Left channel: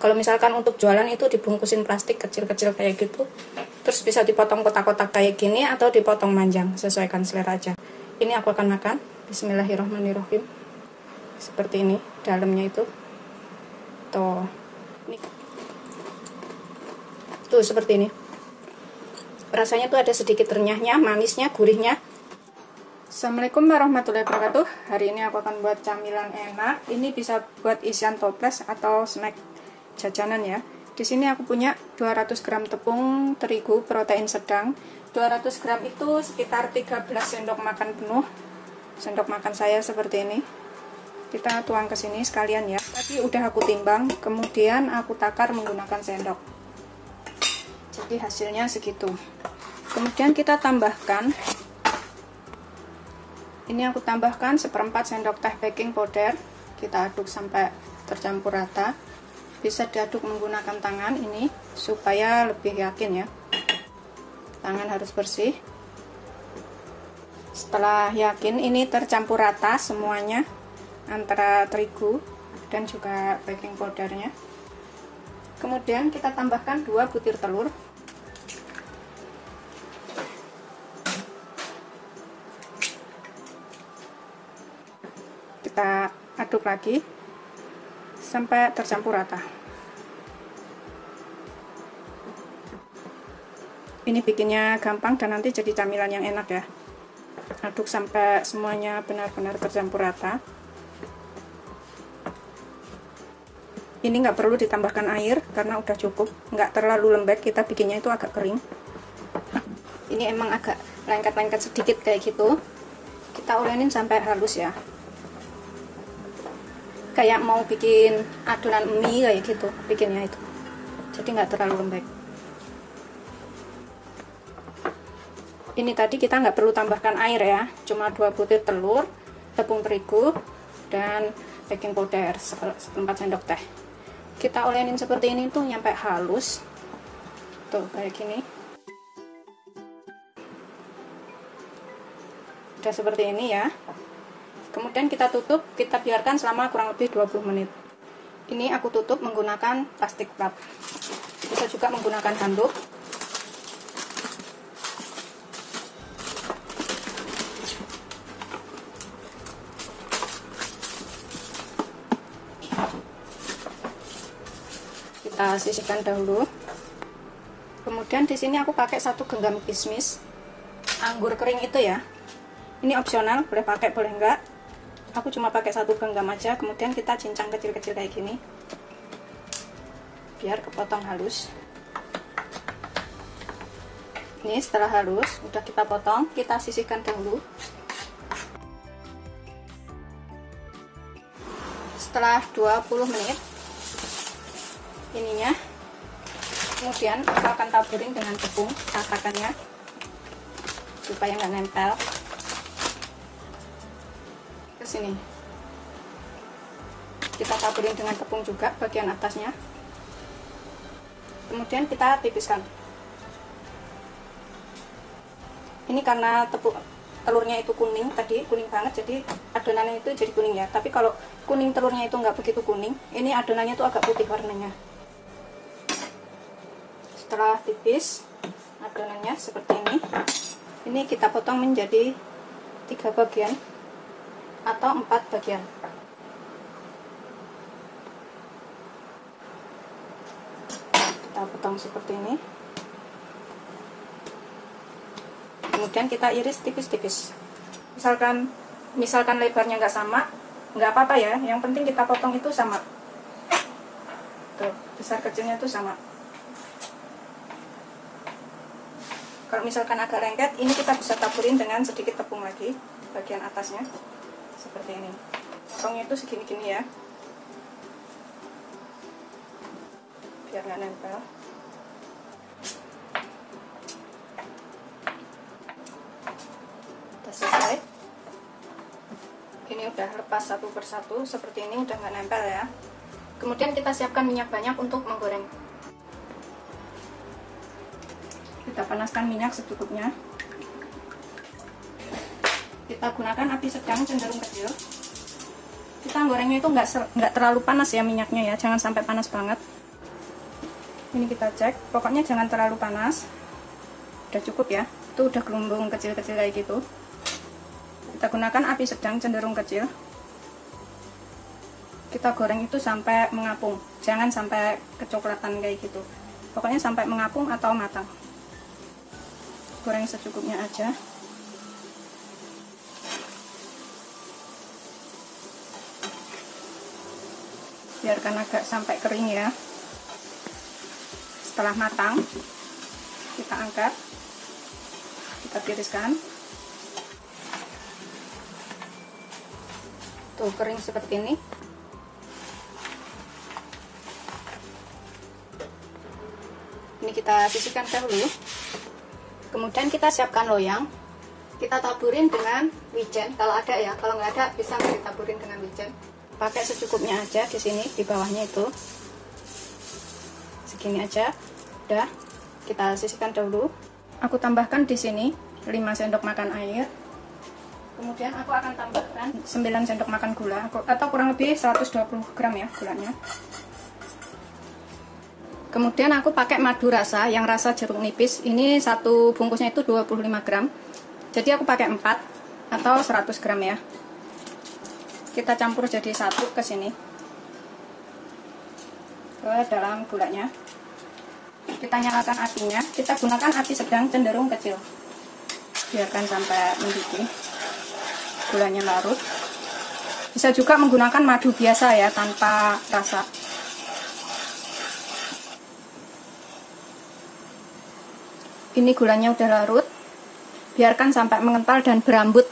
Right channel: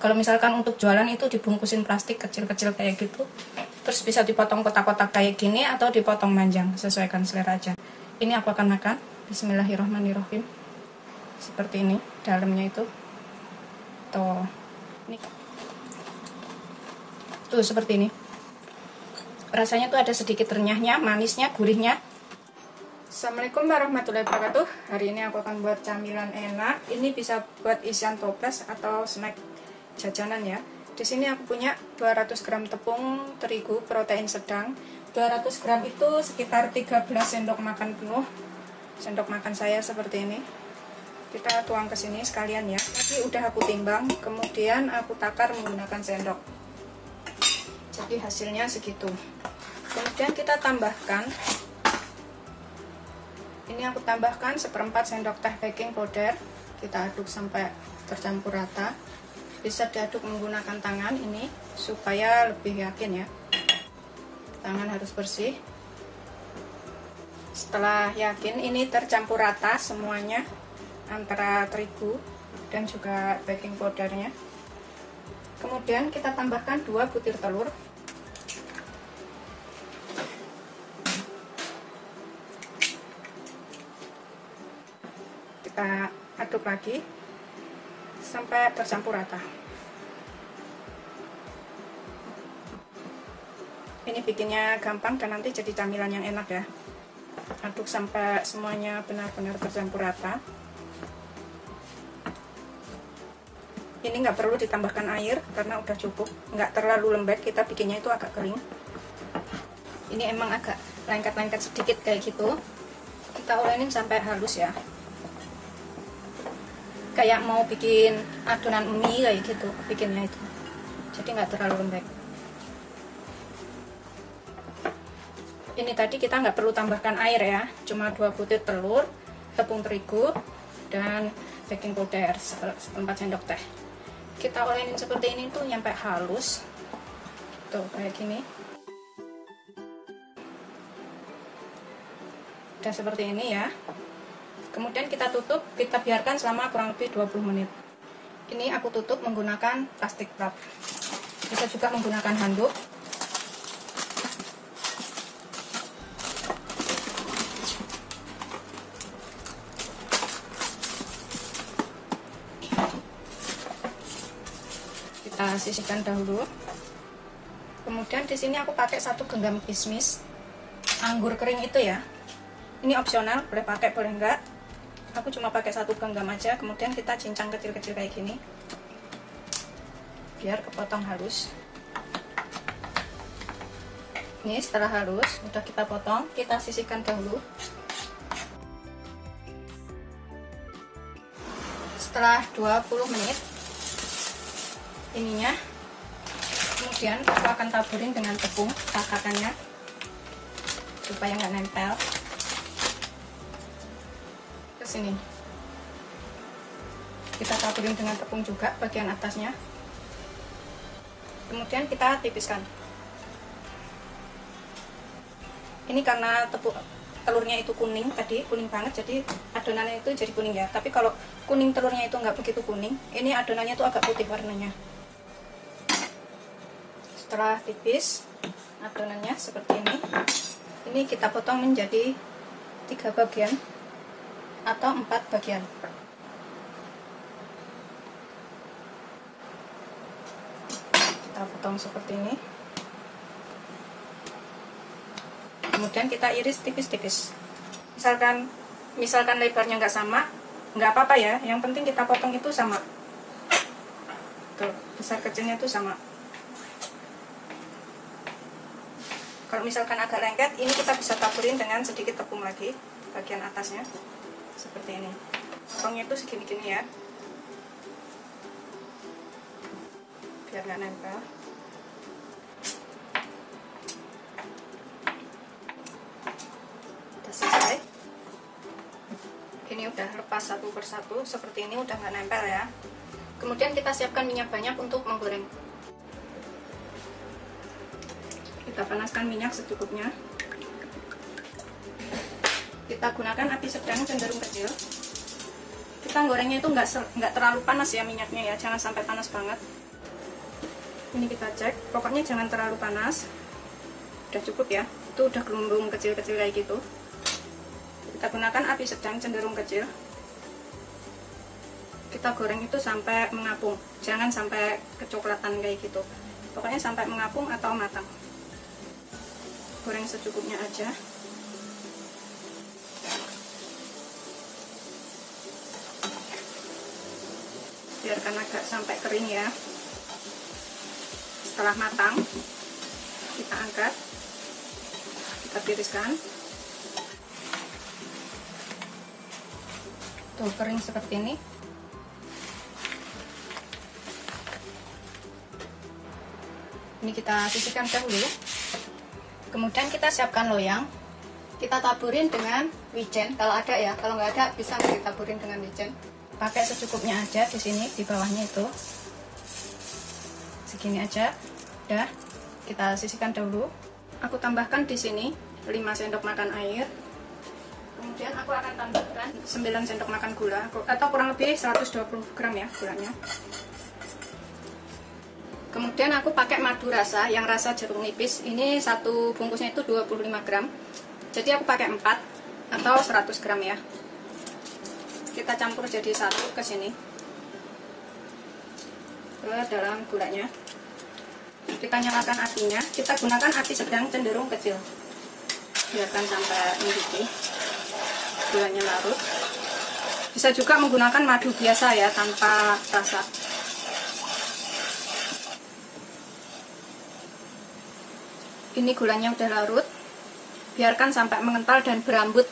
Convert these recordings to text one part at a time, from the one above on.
Kalau misalkan untuk jualan itu dibungkusin plastik kecil-kecil kayak gitu, terus bisa dipotong kotak-kotak kayak gini atau dipotong panjang, sesuaikan selera aja. Ini aku akan makan. Bismillahirrahmanirrahim. Seperti ini dalamnya itu. Tuh. Tuh seperti ini. Rasanya tuh ada sedikit renyahnya, manisnya, gurihnya. Assalamualaikum warahmatullahi wabarakatuh. Hari ini aku akan buat camilan enak. Ini bisa buat isian toples atau snack jajanan ya. Di sini aku punya 200 gram tepung terigu protein sedang. 200 gram itu sekitar 13 sendok makan penuh. Sendok makan saya seperti ini. Kita tuang ke sini sekalian ya. Tadi udah aku timbang, kemudian aku takar menggunakan sendok. Jadi hasilnya segitu. Kemudian kita tambahkan, ini aku tambahkan 1/4 sendok teh baking powder. Kita aduk sampai tercampur rata. Bisa diaduk menggunakan tangan ini supaya lebih yakin ya. Tangan harus bersih. Setelah yakin ini tercampur rata semuanya antara terigu dan juga baking powdernya. Kemudian kita tambahkan 2 butir telur. Kita aduk lagi sampai tercampur rata. Ini bikinnya gampang dan nanti jadi camilan yang enak ya. Aduk sampai semuanya benar-benar tercampur rata. Ini nggak perlu ditambahkan air karena udah cukup, nggak terlalu lembek, kita bikinnya itu agak kering. Ini emang agak lengket-lengket sedikit kayak gitu. Kita ulenin sampai halus ya. Kayak mau bikin adonan mie kayak gitu bikinnya itu. Jadi nggak terlalu lembek. Ini tadi kita nggak perlu tambahkan air ya, cuma 2 butir telur, tepung terigu, dan baking powder 1/4 sendok teh. Kita olenin seperti ini tuh sampai halus, tuh kayak gini. Udah seperti ini ya. Kemudian kita tutup, kita biarkan selama kurang lebih 20 menit. Ini aku tutup menggunakan plastik wrap. Bisa juga menggunakan handuk. Kita sisihkan dahulu. Kemudian di sini aku pakai 1 genggam kismis, anggur kering itu ya. Ini opsional, boleh pakai boleh enggak. Aku cuma pakai 1 genggam aja. Kemudian kita cincang kecil-kecil kayak gini, biar kepotong halus. Ini setelah halus, udah kita potong, kita sisihkan dahulu. Setelah 20 menit ininya, kemudian aku akan taburin dengan tepung cakakannya supaya nggak nempel ke sini. Kita taburin dengan tepung juga bagian atasnya, kemudian kita tipiskan. Ini karena telurnya itu kuning, tadi kuning banget, jadi adonannya itu jadi kuning ya. Tapi kalau kuning telurnya itu nggak begitu kuning, ini adonannya itu agak putih warnanya. Setelah tipis adonannya seperti ini kita potong menjadi 3 bagian atau 4 bagian. Kita potong seperti ini. Kemudian kita iris tipis-tipis. Misalkan lebarnya nggak sama, nggak apa-apa ya. Yang penting kita potong itu sama. Tuh, besar kecilnya itu sama. Kalau misalkan agak lengket, ini kita bisa taburin dengan sedikit tepung lagi bagian atasnya, seperti ini. Potongnya itu segini-gini ya, biar nggak nempel. Udah selesai. Ini udah lepas satu persatu, seperti ini udah nggak nempel ya. Kemudian kita siapkan minyak banyak untuk menggoreng. Kita panaskan minyak secukupnya. Kita gunakan api sedang cenderung kecil. Kita gorengnya itu nggak terlalu panas ya minyaknya ya, jangan sampai panas banget. Ini kita cek, pokoknya jangan terlalu panas. Udah cukup ya, itu udah gelembung kecil-kecil kayak gitu. Kita gunakan api sedang cenderung kecil. Kita goreng itu sampai mengapung, jangan sampai kecoklatan kayak gitu. Pokoknya sampai mengapung atau matang. Goreng secukupnya aja. Biarkan agak sampai kering ya. Setelah matang, kita angkat, kita tiriskan. Tuh, kering seperti ini. Ini kita sisihkan dahulu. Kemudian kita siapkan loyang. Kita taburin dengan wijen kalau ada ya. Kalau nggak ada bisa ditaburin dengan wijen. Pakai secukupnya aja di sini, di bawahnya itu. Segini aja. Udah, kita sisihkan dahulu. Aku tambahkan di sini 5 sendok makan air. Kemudian aku akan tambahkan 9 sendok makan gula atau kurang lebih 120 gram ya gulanya. Kemudian aku pakai madu rasa yang rasa jeruk nipis. Ini satu bungkusnya itu 25 gram. Jadi aku pakai 4 atau 100 gram ya. Kita campur jadi satu ke sini. Ke dalam gulanya. Kita nyalakan apinya, kita gunakan api sedang cenderung kecil. Biarkan sampai mendidih. Gulanya larut. Bisa juga menggunakan madu biasa ya, tanpa rasa. Ini gulanya udah larut. Biarkan sampai mengental dan berambut.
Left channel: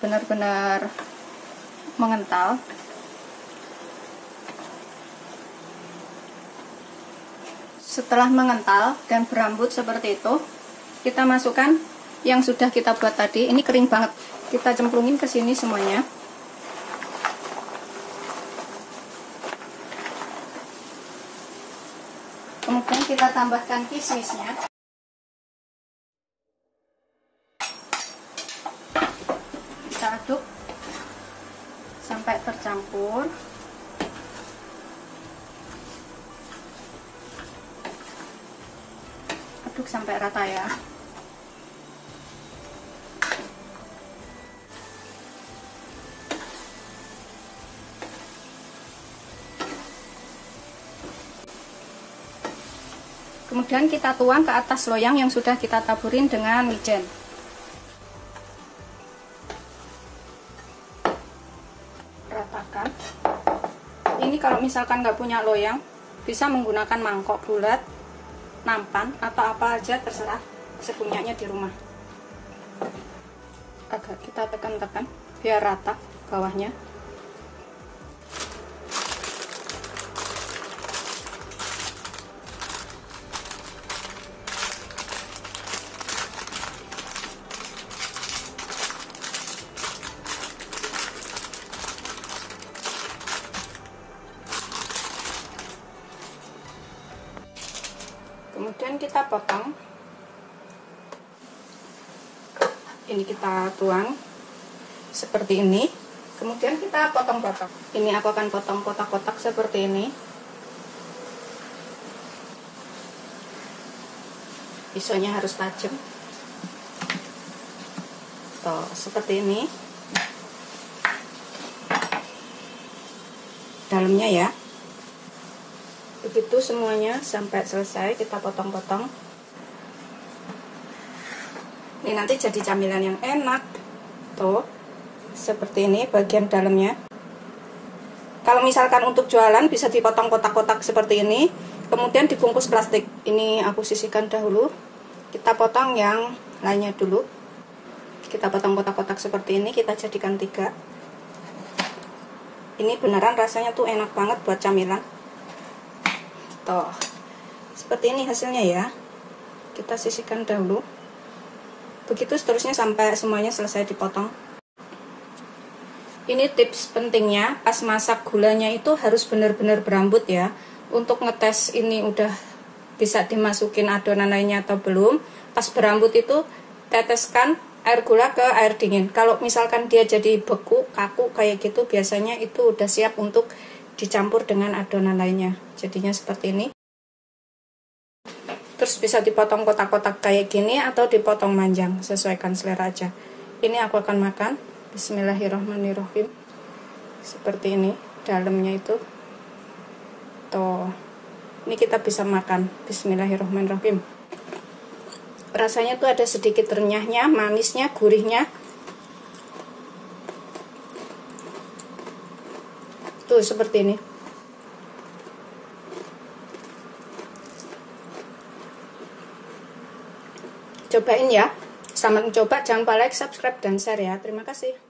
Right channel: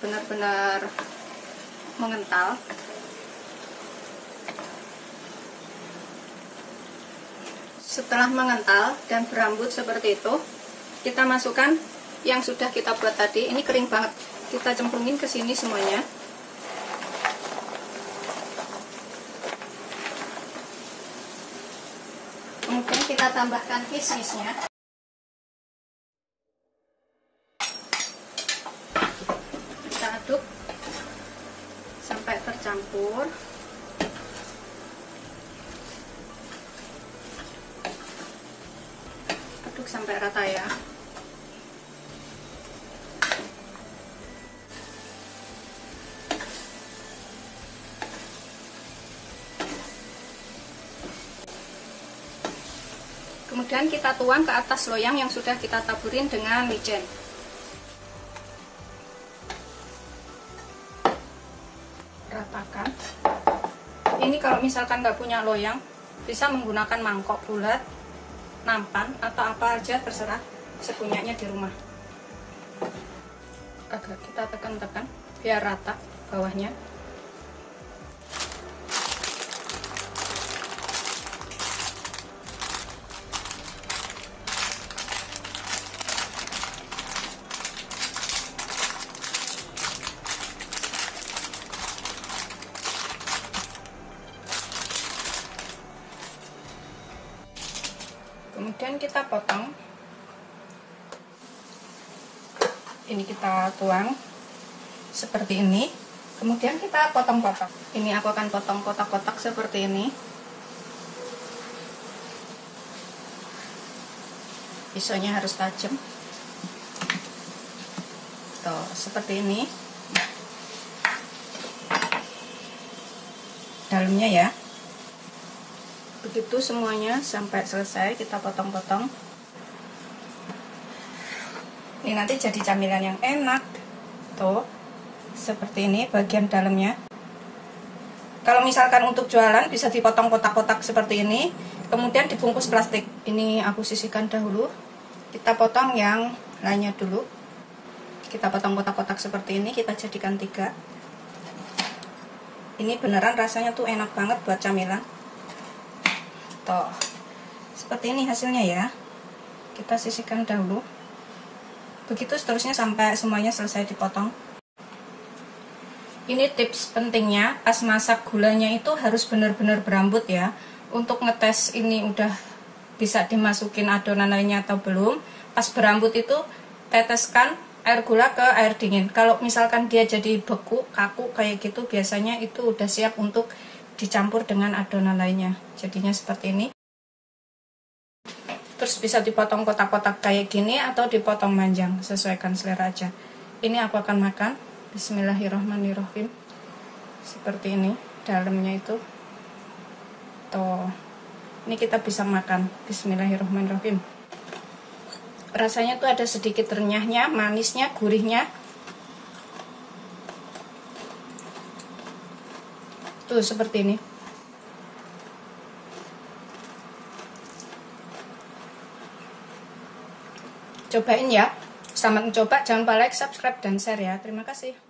Benar-benar mengental. Setelah mengental dan berambut seperti itu, kita masukkan yang sudah kita buat tadi. Ini kering banget. Kita cemplungin ke sini semuanya. Kemudian kita tambahkan kismisnya. Kita aduk sampai tercampur. Aduk sampai rata ya. Kemudian kita tuang ke atas loyang yang sudah kita taburin dengan wijen. Ratakan. Ini kalau misalkan nggak punya loyang, bisa menggunakan mangkok bulat, nampan, atau apa aja terserah, sepunyanya di rumah. Agak kita tekan-tekan biar rata bawahnya. Kemudian kita potong. Ini kita tuang seperti ini. Kemudian kita potong-potong. Ini aku akan potong kotak-kotak seperti ini. Pisaunya harus tajam. Tuh, seperti ini. Dalamnya ya. Begitu semuanya sampai selesai kita potong-potong. Ini nanti jadi camilan yang enak. Tuh, seperti ini bagian dalamnya. Kalau misalkan untuk jualan bisa dipotong kotak-kotak seperti ini, kemudian dibungkus plastik. Ini aku sisihkan dahulu. Kita potong yang lainnya dulu. Kita potong kotak-kotak seperti ini, kita jadikan 3. Ini beneran rasanya tuh enak banget buat camilan. Tuh, seperti ini hasilnya ya. Kita sisihkan dahulu. Begitu seterusnya sampai semuanya selesai dipotong. Ini tips pentingnya, pas masak gulanya itu harus benar-benar berambut ya. Untuk ngetes ini udah bisa dimasukin adonan lainnya atau belum, pas berambut itu teteskan air gula ke air dingin. Kalau misalkan dia jadi beku, kaku kayak gitu, biasanya itu udah siap untuk dicampur dengan adonan lainnya. Jadinya seperti ini. Terus bisa dipotong kotak-kotak kayak gini atau dipotong manjang, sesuaikan selera aja. Ini aku akan makan. Bismillahirrahmanirrahim. Seperti ini dalamnya itu. Tuh. Ini kita bisa makan. Bismillahirrahmanirrahim. Rasanya tuh ada sedikit renyahnya, manisnya, gurihnya. Tuh seperti ini. Cobain ya. Selamat mencoba. Jangan lupa like, subscribe, dan share ya. Terima kasih.